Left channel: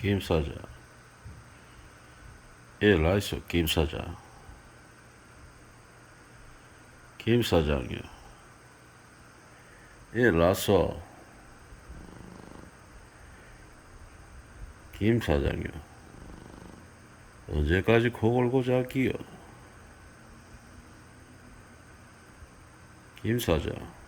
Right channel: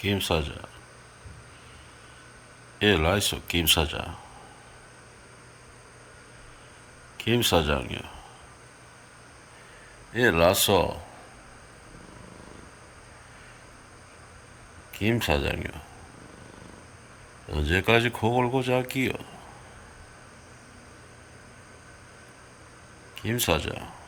김 사장. 예, 라이소 김 사장. 김 사장요. 예, 라소. 김 사장요. 언제까지 코 골고 자기요? 김 사장.